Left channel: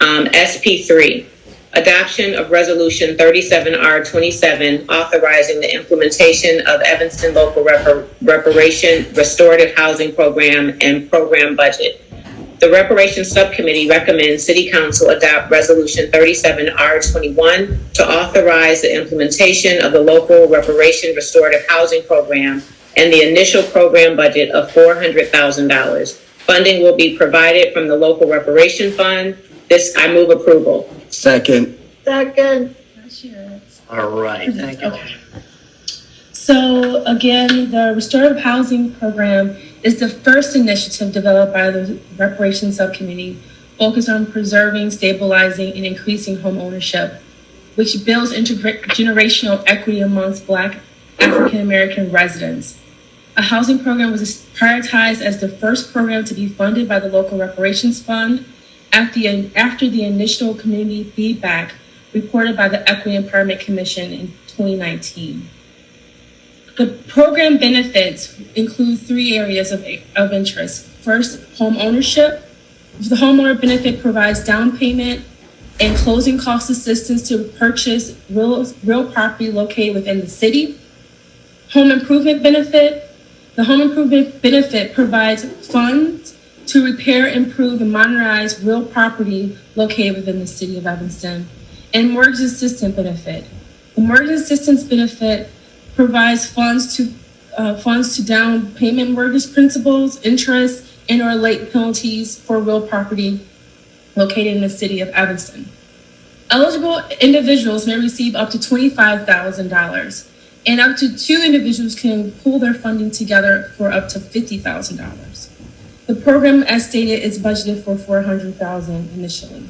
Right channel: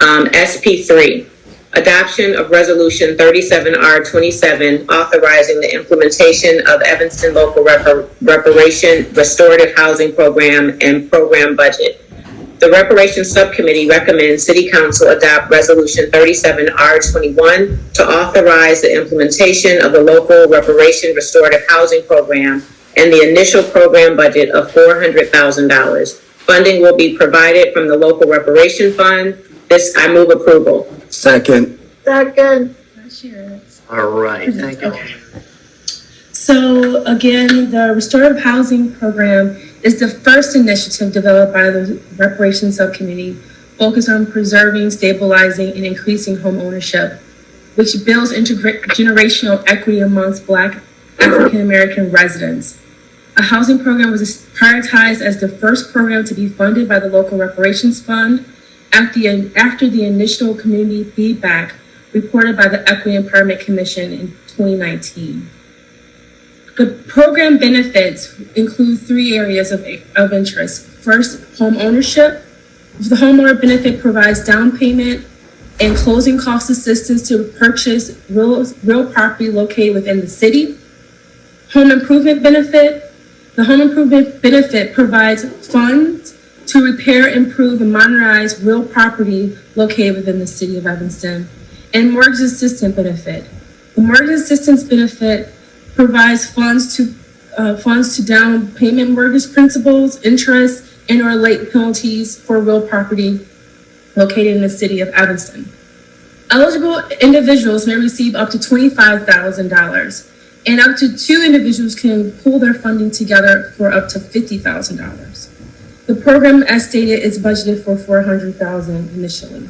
SP3, adoption of Resolution 37R27, authorizing the implementation of Evanston Local Reparation Restorative Housing Program and Program Budget. The Reparations Subcommittee recommends City Council adopt Resolution 37R21 to authorize the implementation of the Local Reparation Restorative Housing Program and the initial program budget of $400,000. Funding will be provided from the Local Reparation Fund. I move approval. Second. All right, thank you. Okay. So again, the Restorative Housing Program is the first initiative developed by the Reparations Subcommittee focused on preserving, stabilizing, and increasing home ownership, which builds intergenerational equity amongst Black African American residents. A housing program was prioritized as the first program to be funded by the Local Reparations Fund after the initial community feedback reported by the Equity Empowerment Commission in 2019. The program benefits include three areas of interest. First, home ownership. The homeowner benefit provides down payment and closing cost assistance to purchase real property located within the city. Home improvement benefit. The home improvement benefit provides funds to repair, improve, and modernize real property located within the city of Evanston. And mortgage assistance benefit. The mortgage assistance benefit provides funds to down payment mortgage principals, interest, and/or late penalties for real property located in the city of Evanston. Eligible individuals may receive up to $25,000, and up to two individuals can pool their funding together for up to $50,000. The program, as stated, is budgeted for $400,000 initially.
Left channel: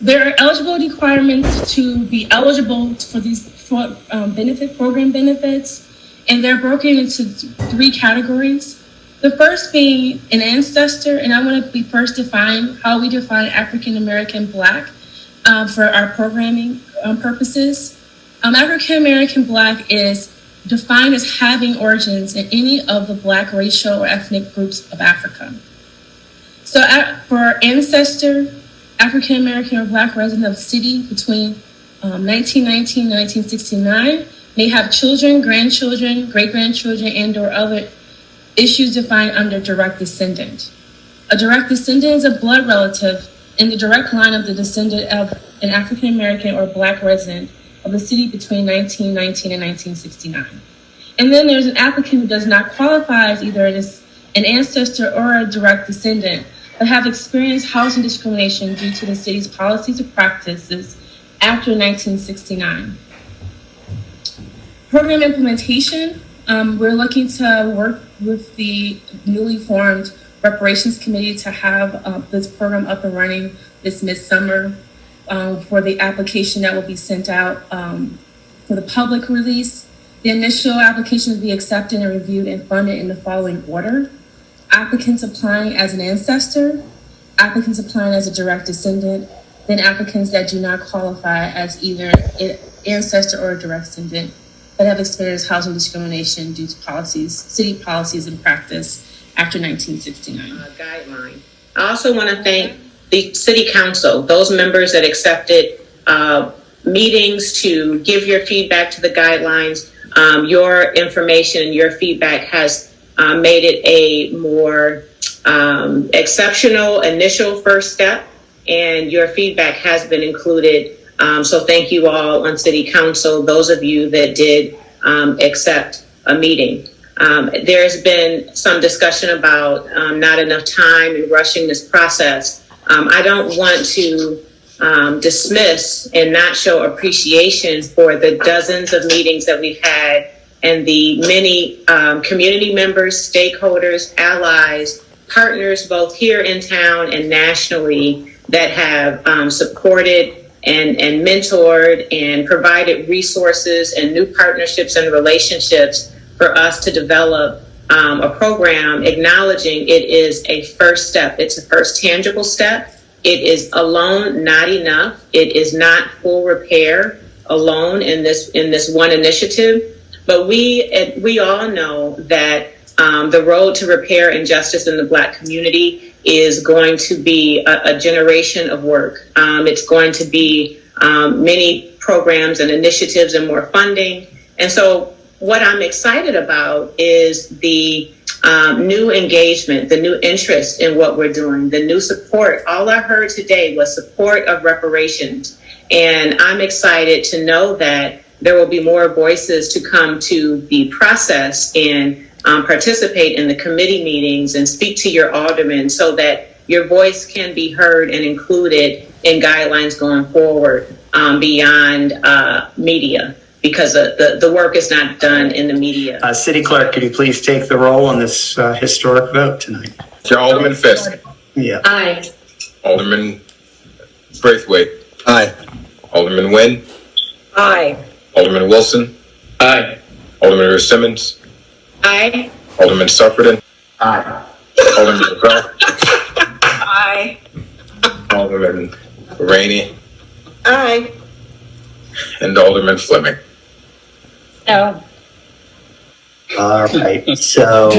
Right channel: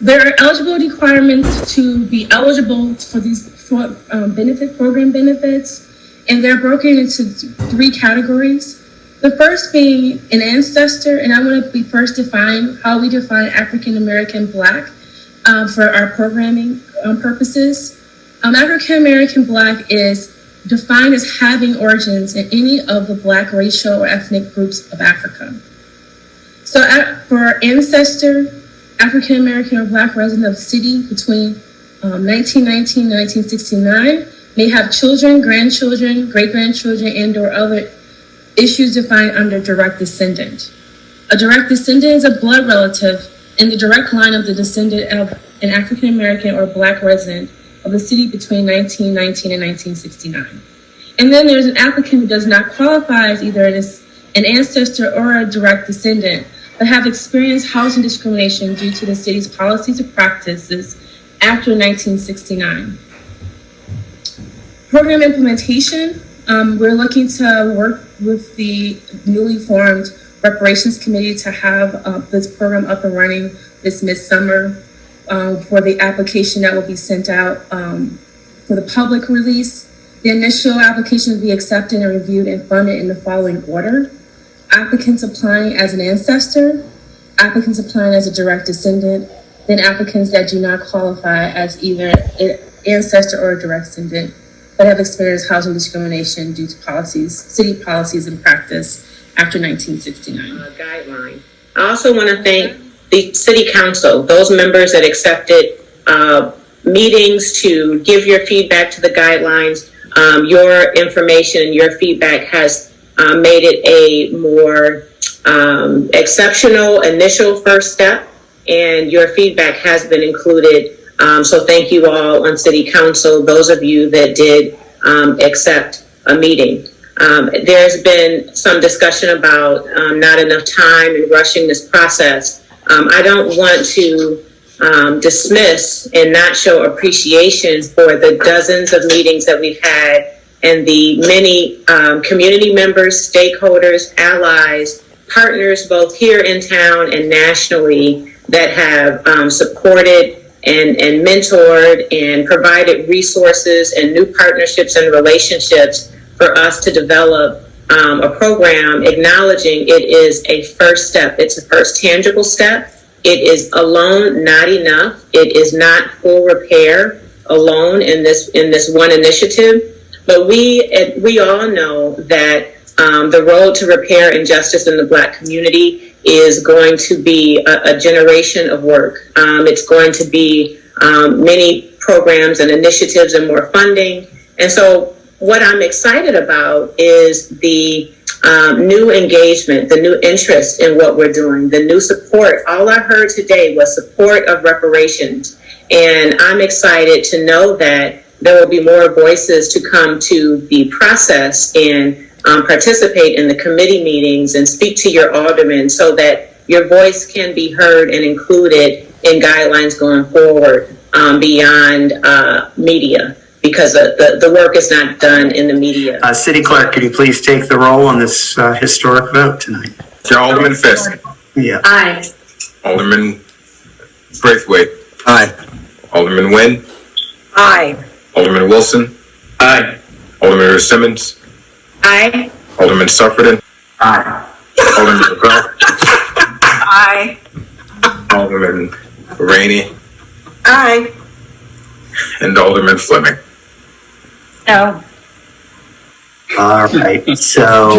There are eligibility requirements to be eligible for these program benefits, and they're broken into three categories. The first being an ancestor, and I want to be first define how we define African American Black for our programming purposes. African American Black is defined as having origins in any of the Black racial or ethnic groups of Africa. So for ancestor, African American or Black resident of the city between 1919 and 1969 may have children, grandchildren, great-grandchildren, and/or other issues defined under direct descendant. A direct descendant is a blood relative in the direct line of the descendant of an African American or Black resident of the city between 1919 and 1969. And then there's an applicant who does not qualify as either an ancestor or a direct descendant, but have experienced housing discrimination due to the city's policies and practices after 1969. Program implementation, we're looking to work with the newly formed Reparations Committee to have this program up and running this midsummer for the application that will be sent out for the public release. The initial application will be accepted and reviewed and funded in the following order. Applicants applying as an ancestor, applicants applying as a direct descendant, then applicants that do not qualify as either an ancestor or a direct descendant, but have experienced housing discrimination due to city policies and practice after 1969. Guideline. I also want to thank the City Council, those members that accepted meetings to give your feedback to the guidelines. Your information and your feedback has made it a more exceptional initial first step, and your feedback has been included. So thank you all on City Council, those of you that did accept a meeting. There's been some discussion about not enough time and rushing this process. I don't want to dismiss and not show appreciation for the dozens of meetings that we've had and the many community members, stakeholders, allies, partners, both here in town and nationally, that have supported and mentored and provided resources and new partnerships and relationships for us to develop a program, acknowledging it is a first step. It's a first tangible step. It is alone not enough. It is not full repair alone in this one initiative. But we all know that the road to repair and justice in the Black community is going to be a generation of work. It's going to be many programs and initiatives and more funding. And so what I'm excited about is the new engagement, the new interest in what we're doing, the new support. All I heard today was support of reparations. And I'm excited to know that there will be more voices to come to the process and participate in the committee meetings and speak to your aldermen so that your voice can be heard and included in guidelines going forward beyond media, because the work is not done in the media. City Clerk, could you please take the roll on this historic vote tonight? Alderman Fisk. Yeah. Aye. Alderman Braithwaite. Aye. Alderman Nguyen. Aye. Alderman Wilson. Aye. Alderman Simmons. Aye. Alderman Sufferton. Aye. Alderman Rebel. Aye. Alderman Rainey. Aye. And Alderman Fleming. No. All right. So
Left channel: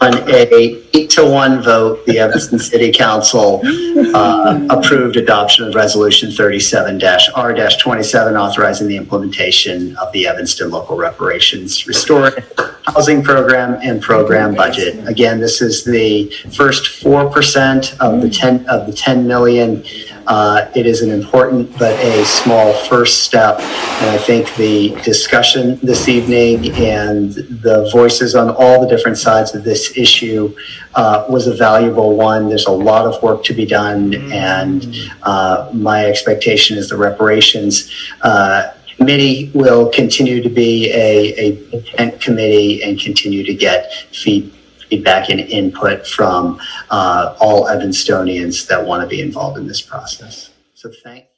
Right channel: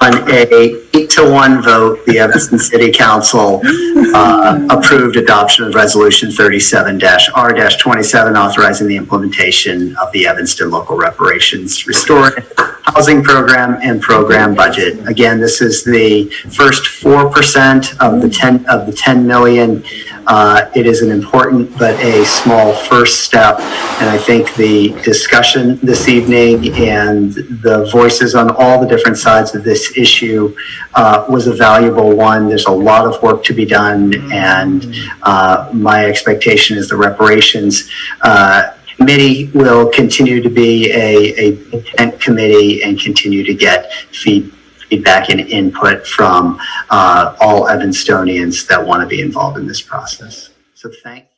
on a 8-1 vote, the Evanston City Council approved adoption of Resolution 37-R-27, authorizing the implementation of the Evanston Local Reparations Restorative Housing Program and Program Budget. Again, this is the first 4% of the 10 million. It is an important but a small first step, and I think the discussion this evening and the voices on all the different sides of this issue was a valuable one. There's a lot of work to be done, and my expectation is the reparations committee will continue to be a intent committee and continue to get feedback and input from all Evanstonians that want to be involved in this process. So thank you.